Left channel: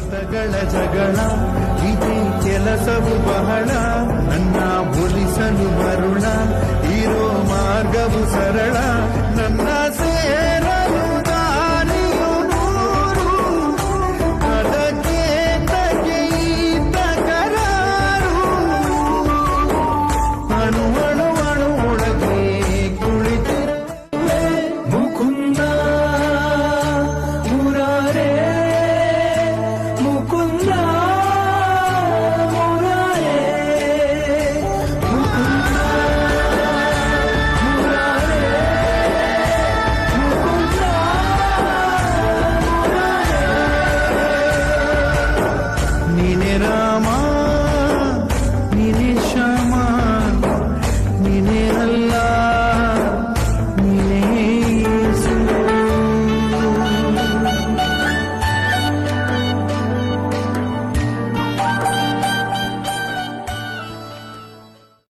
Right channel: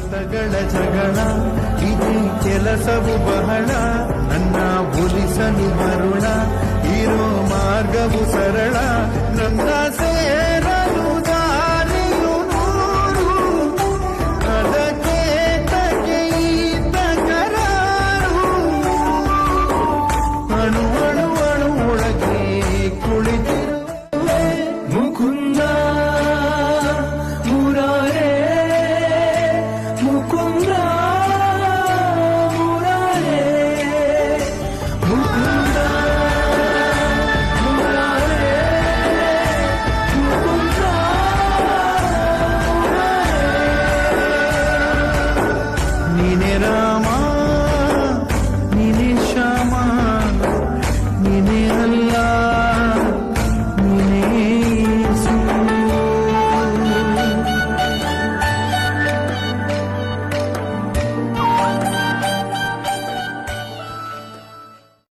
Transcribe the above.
ಮತಗಳ ಜಗಳ ಇದೇ ಕೆಲಸವು ಬಹಳ, ನನ್ನ ಒಲಿಸಲು ಮರುಳ ಇರೋ ಮಾರ್ಗವು ಸರಳ, ನನ್ನ ಸೇರಲು ದಾರಿಯು ನೂರು, ಅದಕ್ಕೆ ತಗೆ ತಕರಾರು. ಅಣು ಅಣು ಅಣು ಒಳಗೆ ಕುಳಿತಿರುವೆ ಮುಕುಂದ ಮುರಾರೇ, ಮುಕುಂದ ಮುರಾರೇ, ನೀನೆ ರಾಮ